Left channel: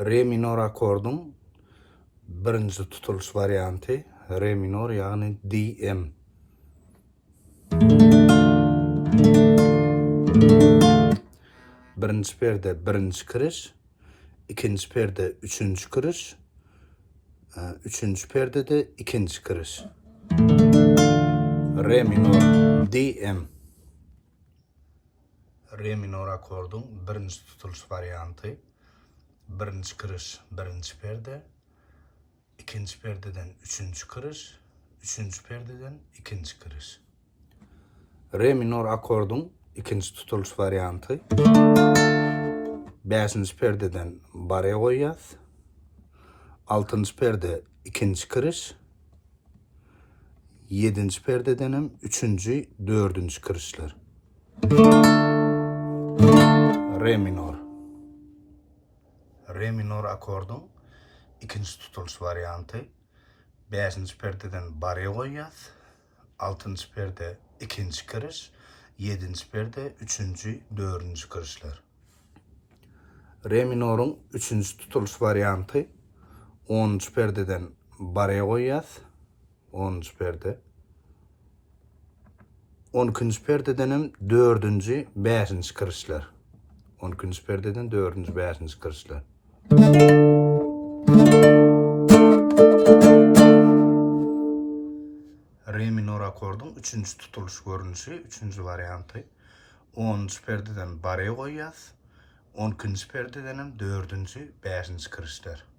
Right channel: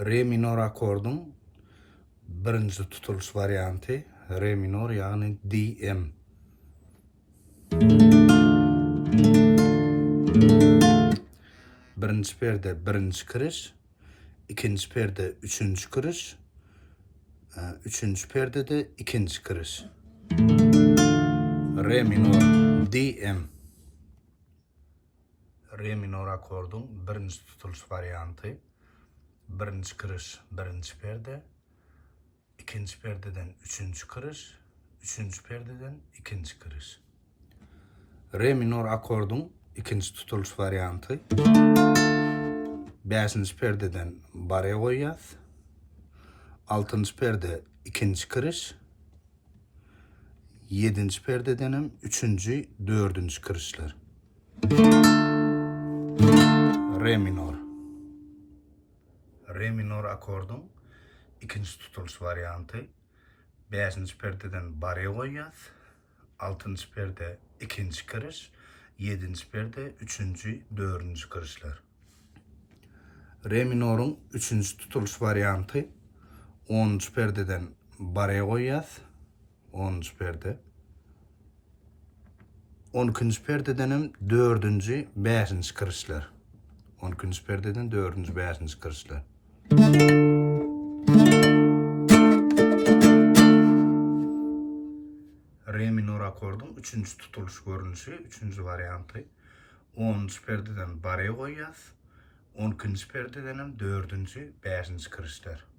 Re minor akordun birinci tutuluş variantı re minor yani DM. Birinci perde birinci kırış, ikinci perde üçüncü kırış, üçüncü perde de ikinci kırış. Re minor DM. Re minor akordun birinci tutuluş variantı. Birinci kırış birinci perde, ikinci perdeden üçüncü kırış, üçüncü perdeden ikinci kırış. Re minor akordun ikinci tutuluş variantı. Beşinci perdeden baraya koyacağız. Altıncı perde ikinci kırış. Yedinci perdedenim üçüncü, dördüncü kırışlar. Re minor. Re minor akordun ikinci tutuluş variantı. Beşinci perdeden baraya koyacağız. Altıncı perde ikinci kırış. Yedinci perde üçüncü, dördüncü kırışlar. Re minorun üçüncü tutuluş variantı. 10. perdeden baraya koyacağız. 10. perde. 12. perdedenim 4. 5. kırışlar. 12. perdeden 4. 5. kırışlar. Re minor akordun 3. tutuluş görünüşü, 3. variantı. 10. perdeden baraya koyacağız. 12. perdedenim 4. 5. kırışlar.